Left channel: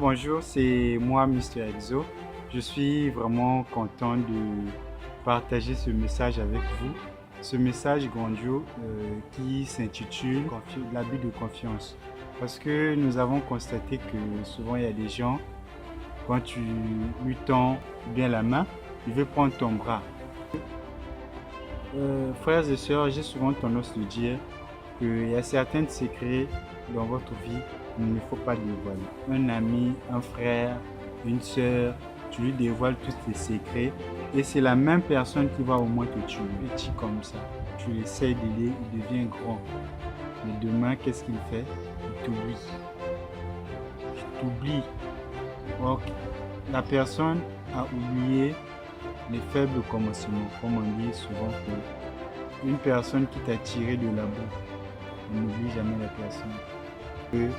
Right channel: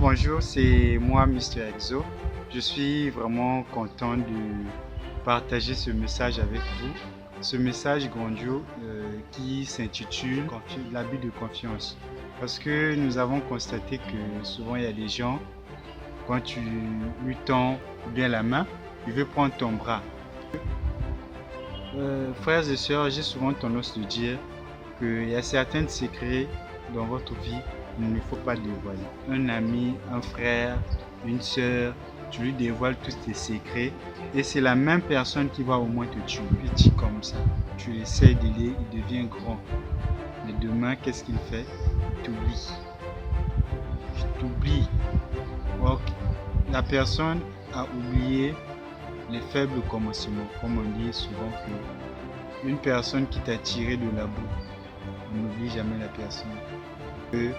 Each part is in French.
Bonjour, c'est moi, Mister Exo. Je suis vraiment content de partager ce message avec vous. Ce message grandiose qui s'intitule L'abus de confiance. Parce que nous avons constaté que souvent il y a des gens, quand tu lui tends bien la main, il veut prendre ton bras. Frères et sœurs, j'ai souvent tendance de dire qu'il y a certains secrets dans votre vie qu'il ne faut pas dévoiler. Un ami, un frère, une sœur, tu lui dévoiles tous tes secrets et c'est la même personne qui va au moins te tuer. Petit comme ça, tu essaies d'aider, il devient grand. Mais demain, qu'est-ce qu'il fait? Il t'oublie. Il t'oublie. Or, la personne a oublié les faibles commencements. Comme on dit souvent que une personne qui t'a tiré de la boue, on n'oublie jamais la personne. Que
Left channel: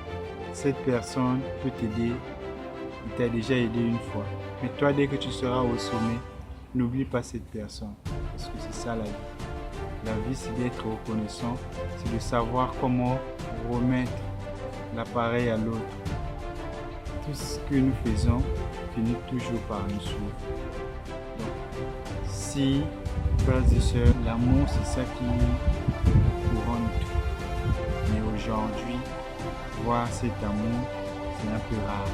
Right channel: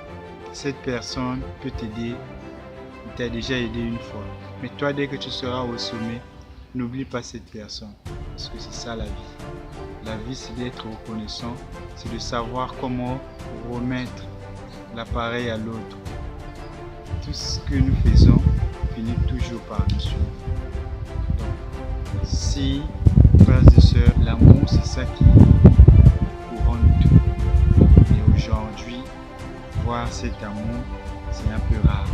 cette personne peut t'aider, il t'a déjà aidé une fois. Mais toi, dès que tu seras au sommet, n'oublie pas cette personne. Parce que c'est ça la vie. La vie, c'est d'être reconnaissant, c'est de savoir comment remettre l'appareil à l'autre. Tout ce que nous faisons finit toujours par nous suivre. Donc, si, frères et sœurs, l'amour, c'est ça qui couronne tout. Mais aujourd'hui, voir cet amour, c'est un peu rare.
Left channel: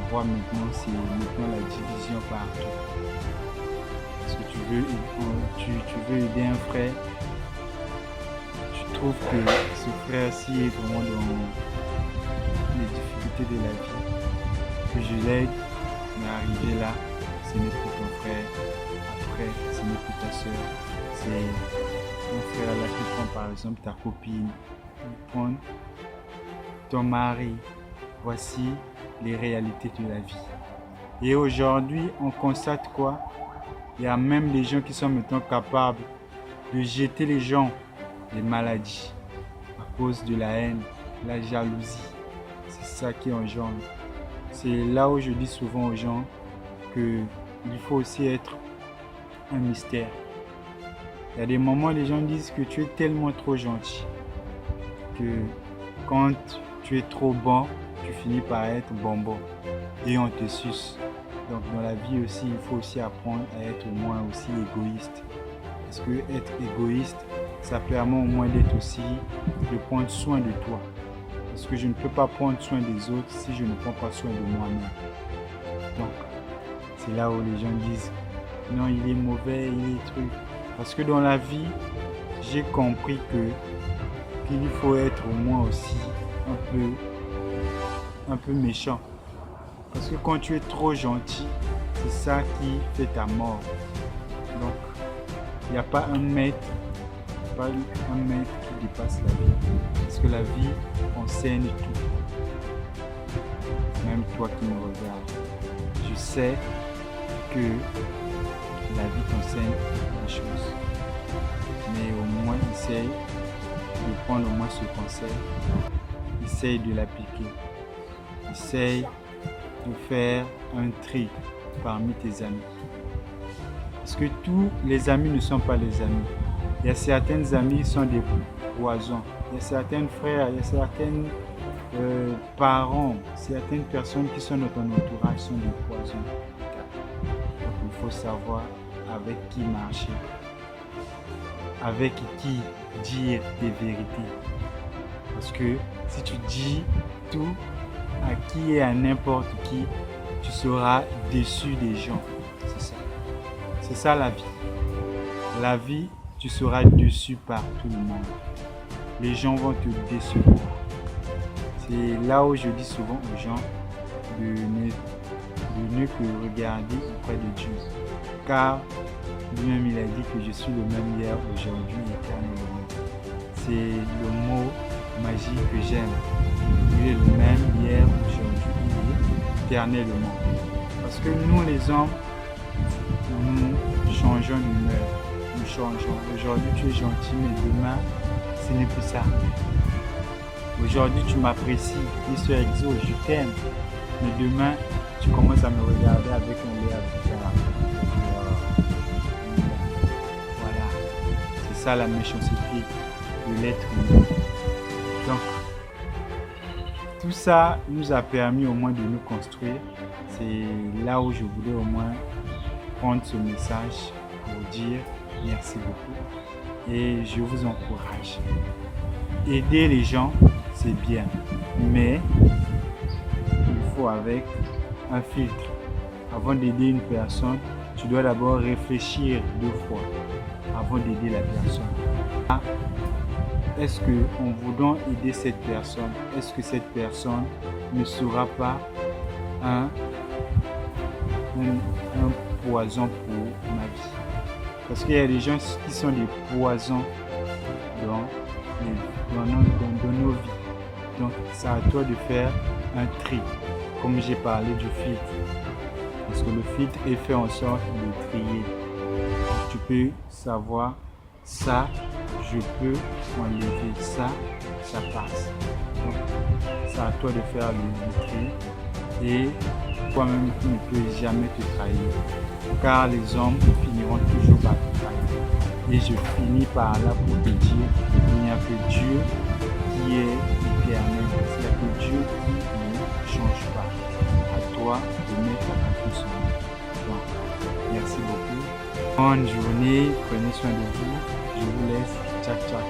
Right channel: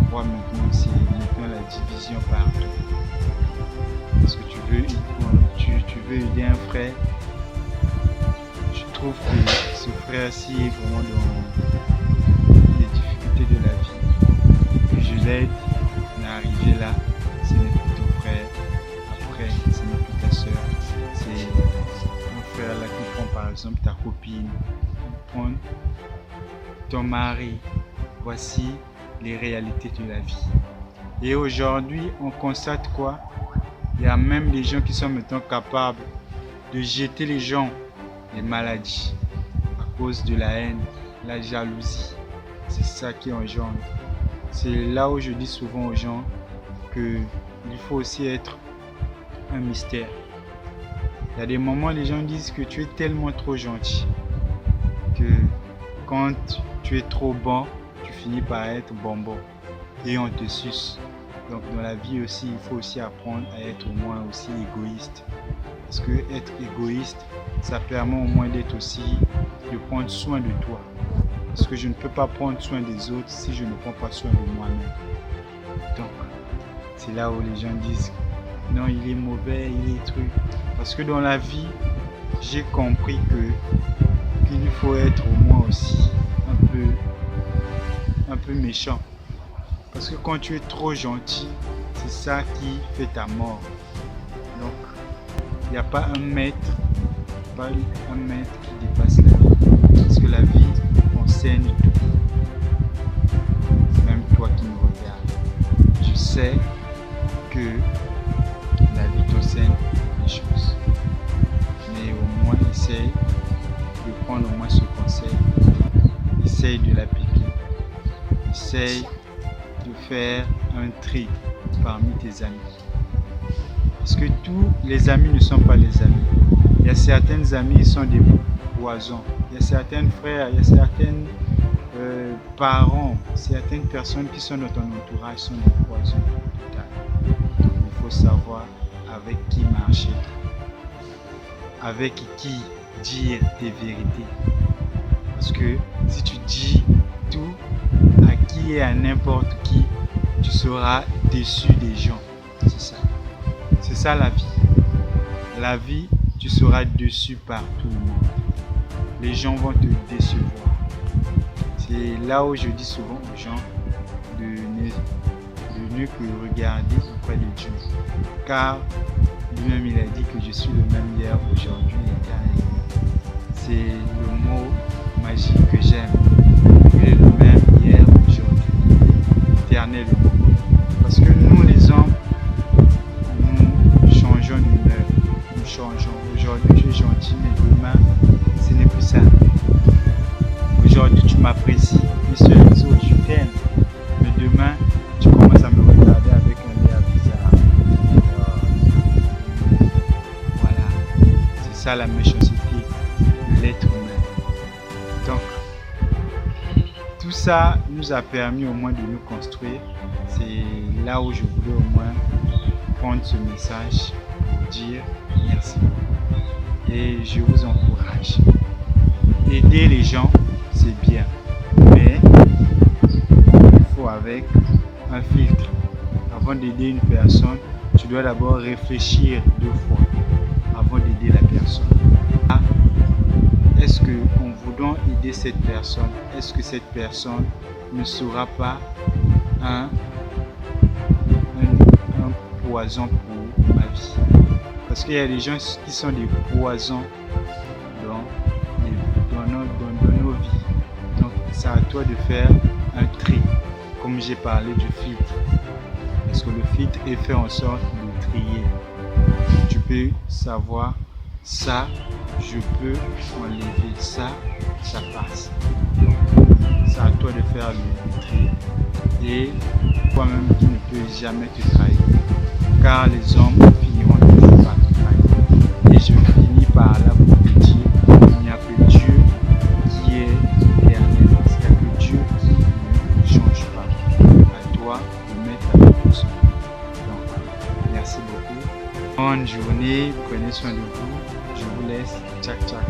On voit maintenant, c'est maintenant la division partout. Parce que tu veux aider un frère, tu trouves que ce frère-ci est vraiment dans les difficultés de la vie. Que je l'aide, mais arrivé là, ce n'est plus ton frère. Après, ce n'est plus ta soeur. C'est ton frère là qui prend par exemple ta copine, qui prend ton mari. Voici les réalités de la vie. Et aujourd'hui, on constate quoi? Il y a même des gens qui sont maintenant capables de jeter les gens des maladies à cause de la haine, la jalousie. C'est ça qui engendre. C'est là où je dis souvent aux gens qu'il faut aussi être un mystère. Il y a des moments où les gens disent que tu es tellement trop gentil que quand tu es trop bon, tu finis par être bonbon et on te suce. Donc dans la vie aussi, il faut aussi apprendre à être au moins aussi égoïste. Parce que être égoïste, ça permet au moins d'être aussi, de prendre soin de toi. Parce que je ne peux pas prendre soin des autres si je ne prends pas soin de moi-même. Donc, c'est là où les gens disent, non, il est mauvais, il est truc. Parce que dans la vie, j'ai compris qu'il faut être au moins aussi un peu méchant. Parce que quand tu es trop gentil, c'est ça qui fait ta mort. Donc, il n'y a pas un maître qui dépasse la vie. Parce que la vie enseigne tout. Même toi qui me regardes. Je sais que la vie t'enseigne des choses. Mais au moins, essaye de prendre au moins ce conseil. Essaye de l'appliquer. Essaye de faire un tri parmi tes amis. Parce que tous les amis ne sont pas les amis. Il y a certains amis qui sont des poisons. Il y a certains frères, il y a certains parents, certaines personnes qui sont dans ton entourage sont des poisons. Donc il faut savoir avec qui marcher, avec qui dire tes vérités. Parce que si tu dis tout à qui et à n'importe qui, tu seras déçu des gens. C'est ça. C'est ça la vie. La vie, tu seras déçu par tout le monde. Les gens vont te décevoir. C'est là où je dis souvent aux gens de ne que regarder auprès de Dieu. Car lui-même il a dit que je suis le même hier, aujourd'hui et éternellement. C'est le mot magique que j'aime. Il est le même hier, aujourd'hui, éternellement. Parce que nous les hommes, nous changeons d'humeur. Nous changeons. Aujourd'hui tu es gentil, mais demain, ce n'est plus ça. Aujourd'hui tu m'apprécies, Mister Exo, je t'aime. Mais demain, tu commences à me regarder avec un air bizarre. Voilà. C'est ça la méchanceté de l'être humain. Donc, Tout ça nous a permis au moins de nous construire. C'est là où je voulais au moins prendre ce message pour dire merci beaucoup. Et je vous encourage. Aider les gens, c'est bien. Mais il faut avec un filtre. Avant d'aider une personne, tu dois d'abord réfléchir 2 fois avant d'aider la personne. Est-ce qu'en voulant aider cette personne, est-ce que cette personne ne sera pas un poison pour ma vie? Parce qu'il y a des gens qui sont des poisons dans nos vies. Donc c'est à toi de faire un tri, comme j'ai parlé du filtre. Parce que le filtre est fait en sorte de trier. Tu peux savoir ça, je peux enlever ça, ça passe. Donc c'est à toi de faire le tri. Et toi-même tu ne peux jamais te trahir. Car les hommes finiront toujours par te trahir. Et je finis par là pour te dire, il n'y a que Dieu qui est éternel. Il n'y a que Dieu qui ne change pas. À toi de mettre la personne. Donc, merci beaucoup. Bonne journée, prenez soin de vous. Je vous laisse. Tchac, tchac.